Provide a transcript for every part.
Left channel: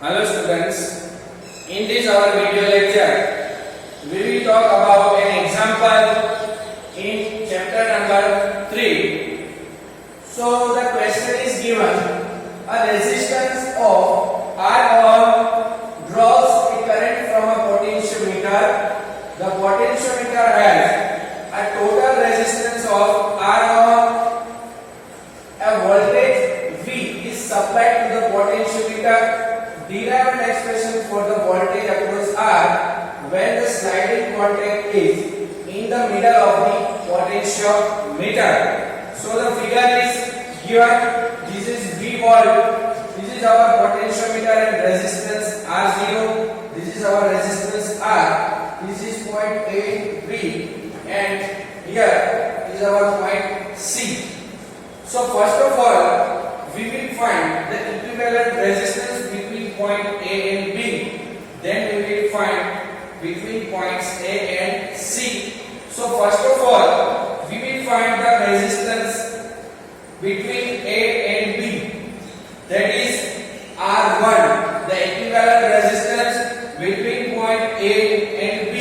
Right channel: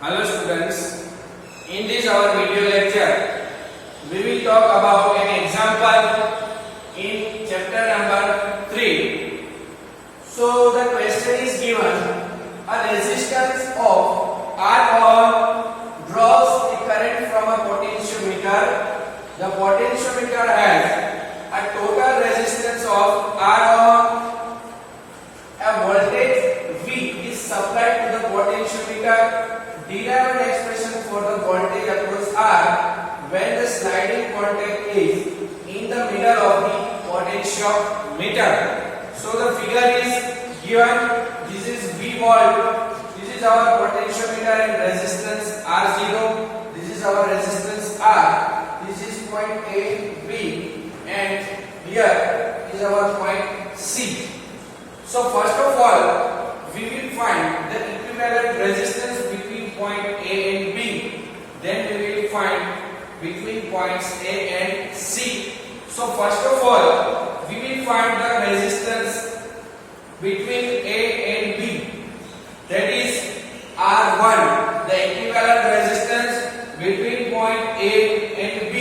Hello students, in this our video lecture, we will talk about an example in chapter number 3. So the question is given, a resistance of R ohm draws a current from a potentiometer. The potentiometer has a total resistance of R ohm. A voltage V is supplied to the potentiometer. Derive an expression for the voltage across R when the sliding contact is in the middle of the potentiometer. So the figure is given. This is V volt. This is our potentiometer and resistance R0. This is our resistance R. This is point A, B, and here is our point C. So first of all, we will find the equivalent resistance between point A and B. Then we will find between points A and C. So first of all, we will find the resistance between A and B. That is R1. The equivalent resistance between point A and B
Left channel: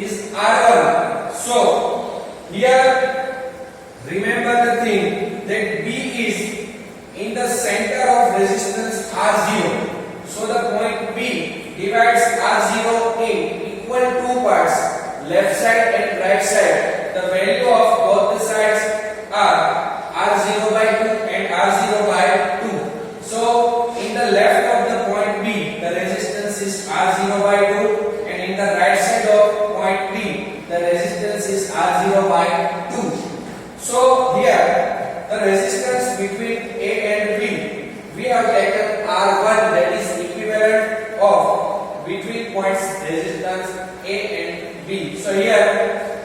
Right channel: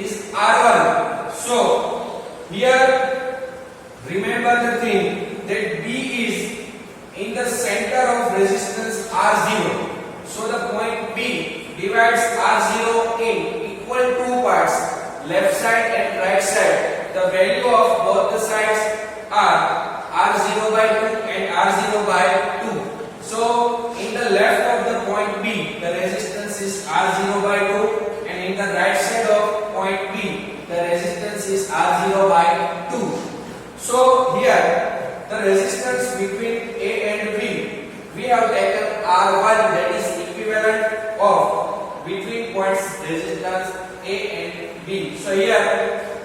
is R1. So here remember the thing that B is in the center of resistance R0. So the point B divides R0 in equal two parts, left side and right side. The value of both the sides are R0 by 2 and R0 by 2. So in the left of the point B, the resistance is R0 by 2, and in the right side of point B, the resistance is R0 by 2. So here the resistance between A and B, we have taken R1, that is equivalent of between points resistance A and B. So here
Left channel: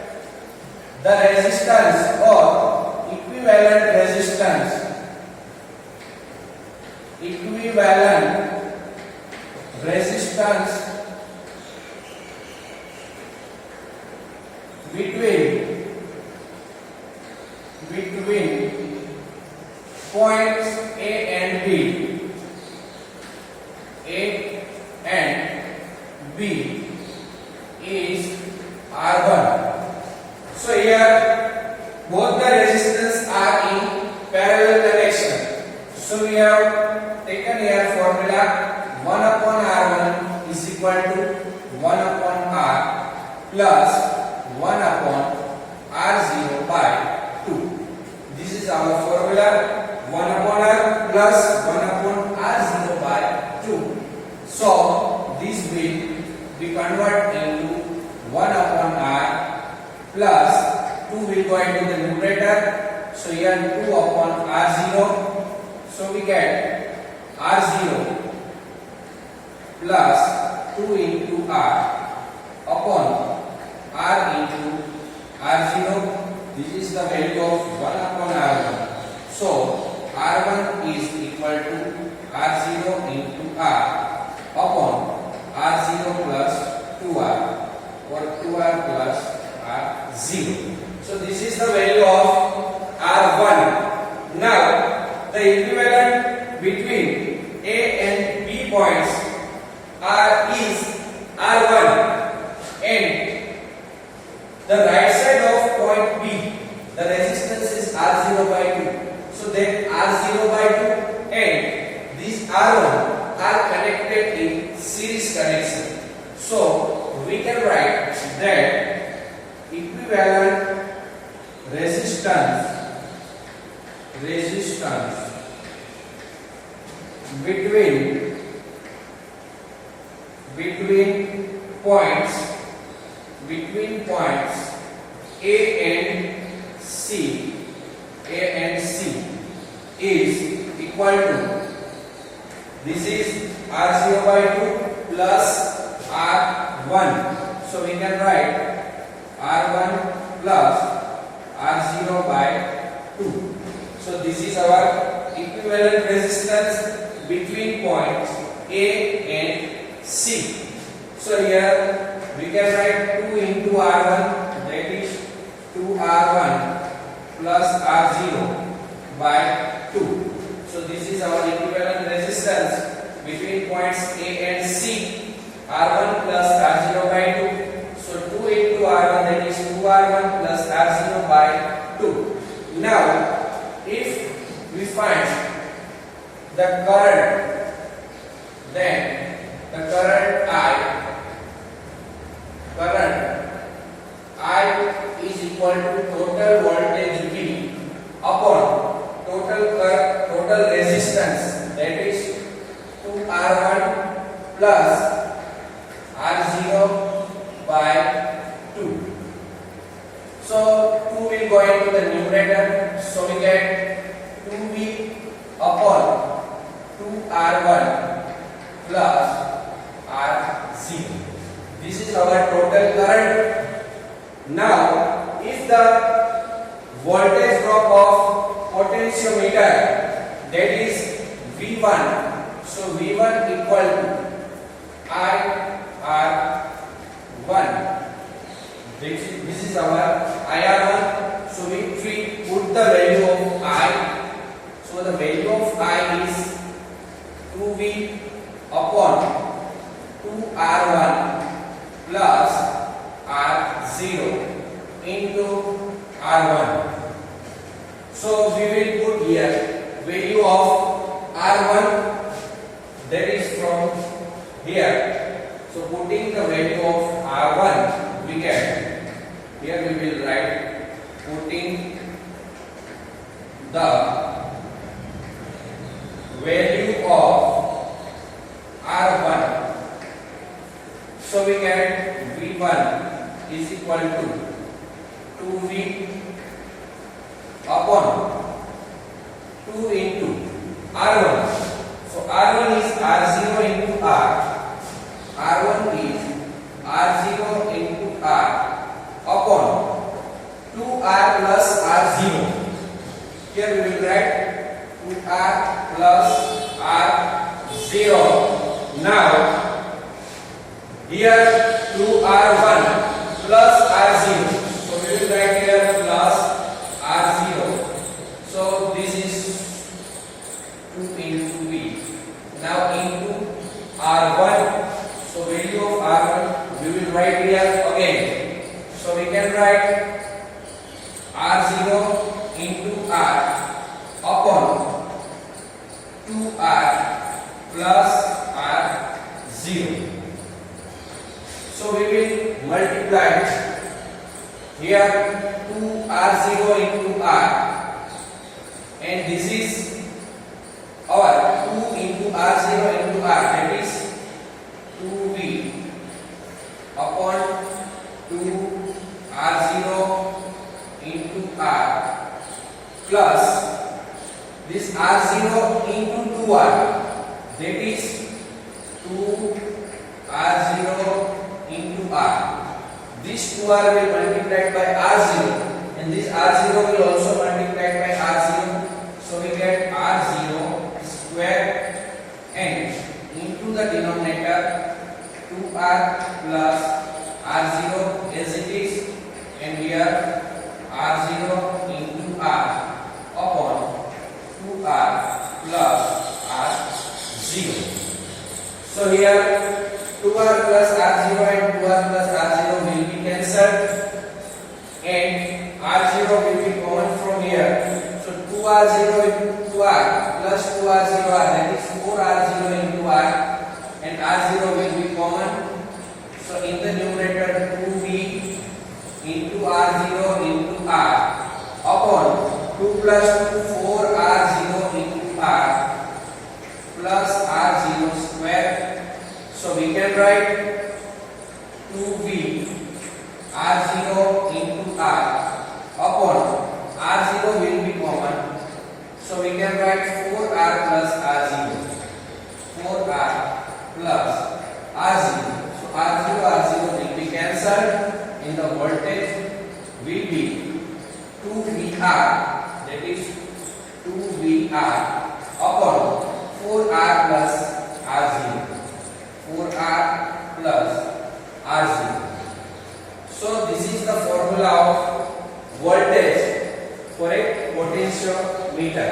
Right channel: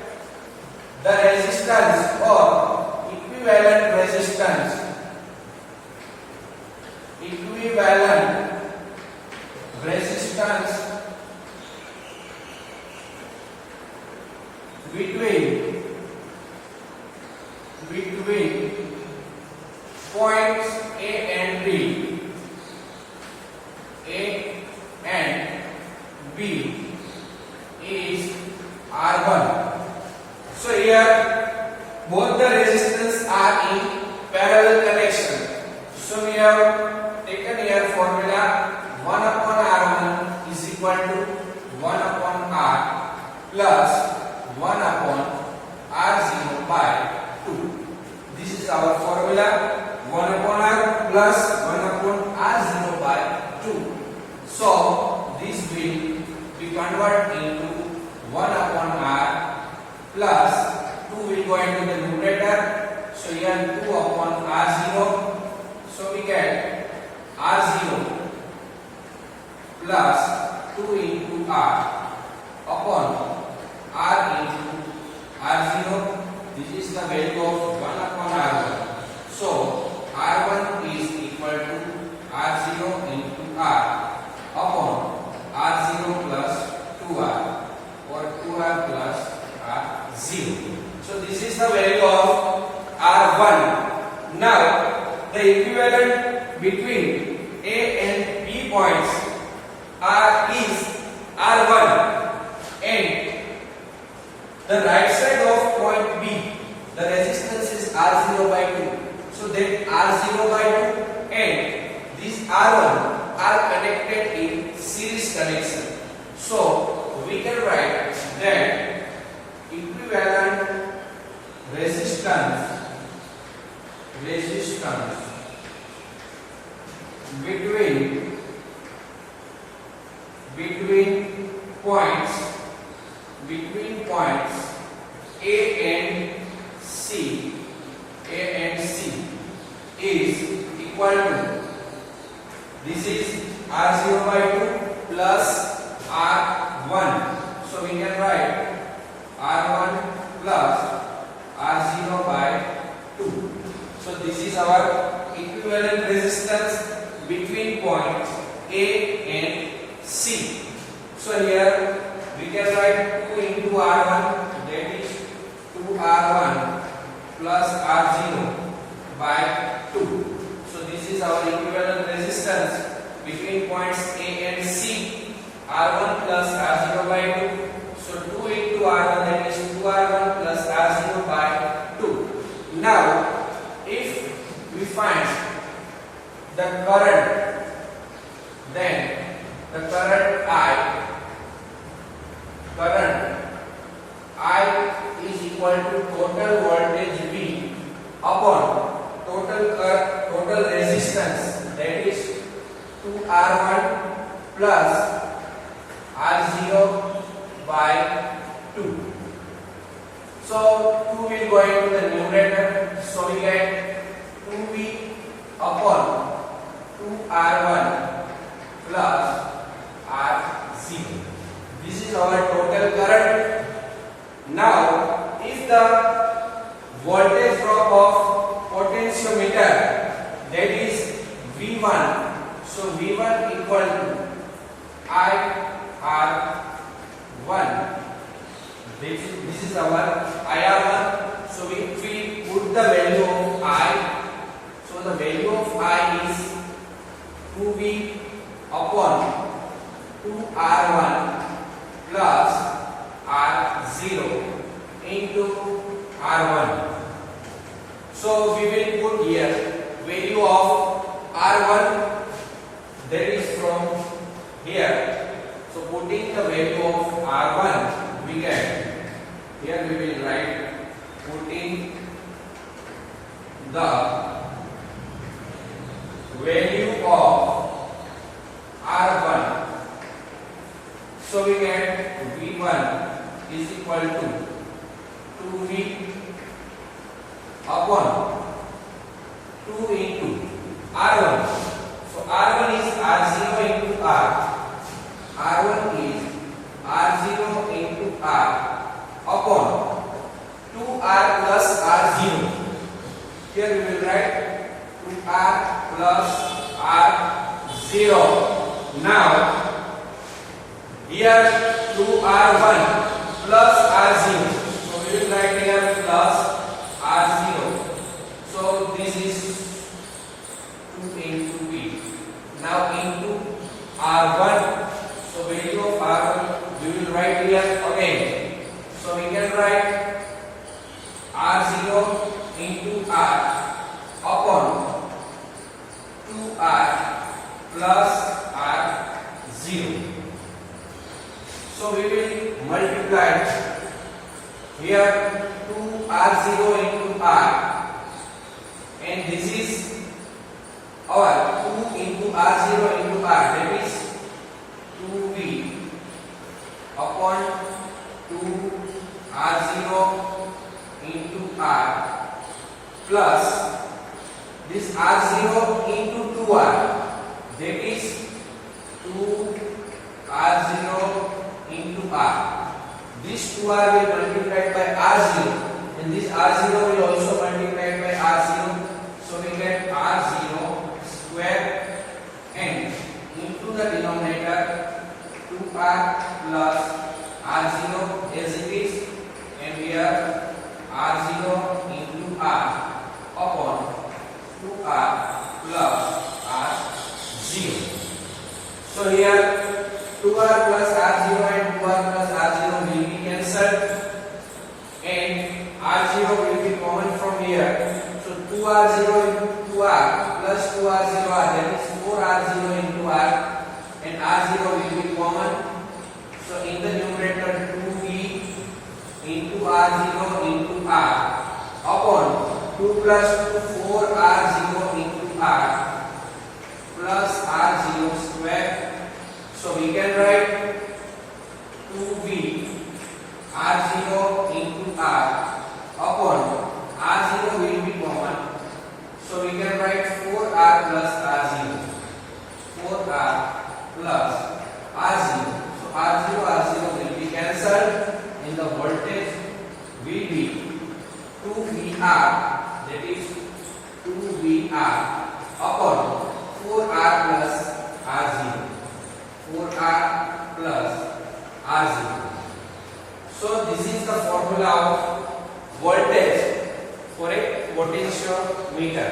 the resistance or equivalent resistance between points A and B is R1. So here both the resistance are in parallel connection. So we have taken here formula 1 upon R1 is equal to 1 upon R plus 1 upon R0 by 2. This is our formula, 1 upon R plus 1 upon R0 by 2. So this will be converted into 1 upon R plus 2 will go into the numerator. So here 2 upon R0. So we get R0 plus 2 into R upon R into R0. This is the value of 1 upon R1. So R1 is equal to R0 into R upon R0 plus 2R or 2R plus R0. So this is the value of R1. Now the equivalent between A and B points R is R1, and the right side of point B, the resistance is R0 by 2. So that R0 by 2 and this R1 are connected in series connection. So we can write that equivalent resistance between points A and C is equal to, this is R0 by 2 plus R1. So we can write R1 plus R0 by 2. So this is our equivalent resistance between points A and C. So here we can write 2 into R1, that is 2R1 plus R0 by 2. So this is our equivalent resistance between points A and C, R1 plus R0 by 2. So 2 into R1, that is 2R1 plus R0 by 2. Now, if we find the current, then the current I is equal to total voltage V upon total resistance, that is 2R1 plus R0 by 2. So 2 will go into the numerator, so we get 2V upon 2R1 plus R0. This is our total current. Now, if the voltage drop of potentiometer, that is V1, so V1 equal to IR1. This is our IR1. So if we put the value of I, so the value of I is 2V upon 2R1 plus R0 into R1. So we will put here value of R1, that is from here. So putting the value of R1, we get, here we will write putting the value of R1. So we get V1 is equal to 2V upon 2 into R1. So R1 is R0 into R. R1 is R0 into R upon 2R plus R0. Here we will write 2R plus R0. Now, here 2R1 plus R0. So we will write here plus R0. So this is 2 into V. Now into R1. So value of R1 we will write here again. So we can write R0 into R upon 2R plus R0. So we will multiply here 2R0 into R, and this is our 2 into R0 into R, that is 2V upon 2R0 into R plus this R0 into 2R, that is 2R0 into R. This 2R will multiply by R0, and this R0 will also multiply by R0. So we get R0 square and into the denominator 2R plus R0 as it is, and here R0 into R upon 2R plus R0. So here 2R plus R0 and 2R plus R0 will be cancelled, and R0 will be common from here. So 2R0 into 2R plus 2R0R, that is 4R0 into R, and R0 will be common. So in the numerator 2V into R0 into R upon 2 plus 2 4R0 into R plus R0 square. So we can write 2V R0 into R upon R0 will be common. So we can write 4R plus R0. 4R plus R0. So R0 will be cancelled, and the voltage will be 2VR, that is 2VR upon 4R plus R0. 4R plus R0. So this is the formula of voltage for a potentiometer.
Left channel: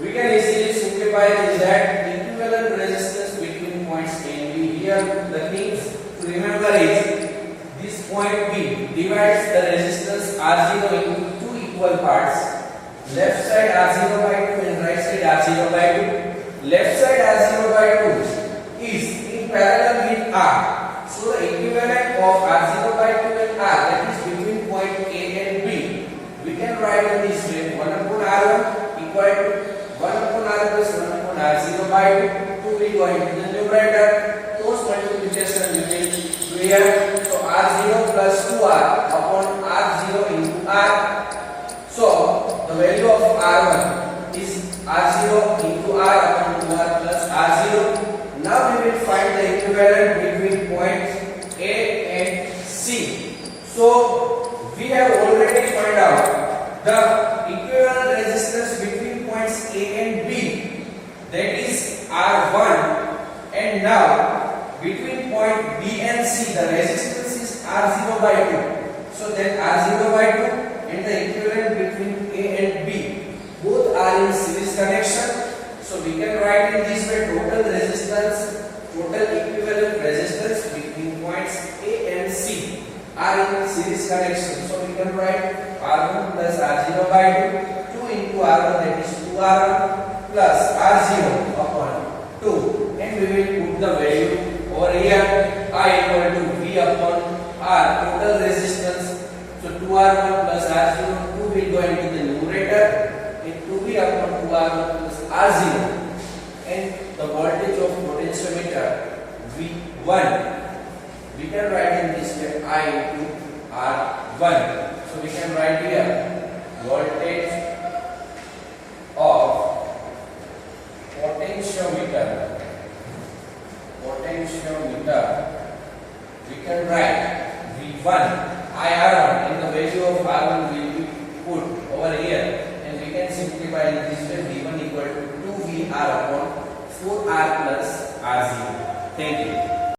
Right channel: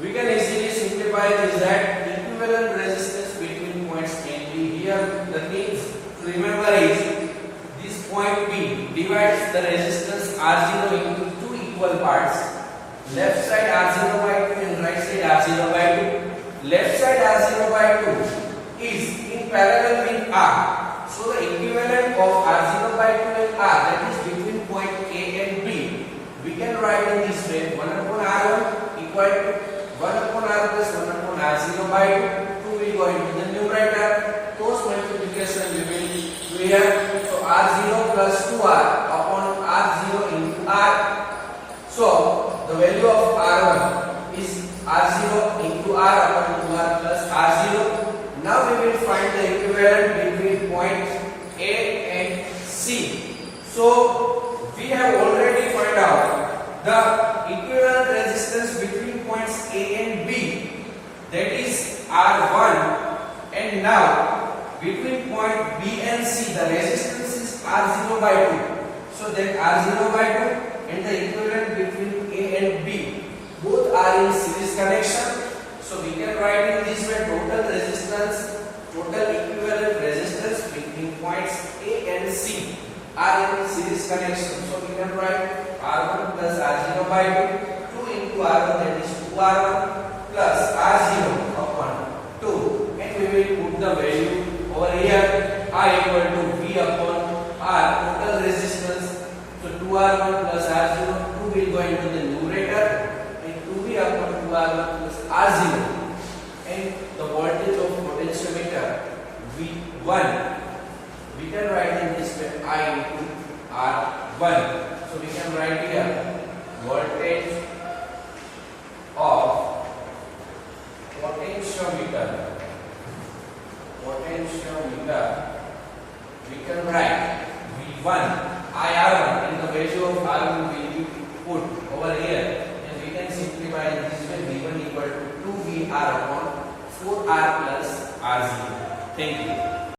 We can easily simplify this that equivalent resistance here the things to remember is this point B divides the resistance R0 into two equal parts. Left side R0 by 2 and right side R0 by 2. Left side R0 by 2 is in parallel with R. So the equivalent of R0 by 2 and R, that is between point A and B, we can write in this way: 1 upon R1 equal to 1 upon R plus 1 upon R0 by 2. 2 will go into the numerator. Cross multiplication we will do here. So R0 plus 2R upon R0 into R. So the value of R1 is R0 into R upon 2R plus R0. Now we will find the equivalent between points A and C. So we have already found out the equivalent resistance between points A and B, that is R1, and now between point B and C the resistance is R0 by 2. So then R0 by 2 and the equivalent between A and B both are in series connection. So we can write in this way: total resistance, total equivalent resistance between points A and C are in series connection. So we can write R1 plus R0 by 2, 2 into R1, that is 2R1 plus R0 upon 2, and we will put the value over here. I equal to V upon R, total resistance. So 2R1 plus R0, 2 will go into the numerator, and 2V upon 2R1 plus R0, and the voltage of potentiometer V1 we can write in this way: I into R1. So we can write here voltage of potentiometer. We can write V1 IR1, and the value of R1 will be put over here, and we can simplify in this way: V1 equal to 2VR upon 4R plus R0. Thank you.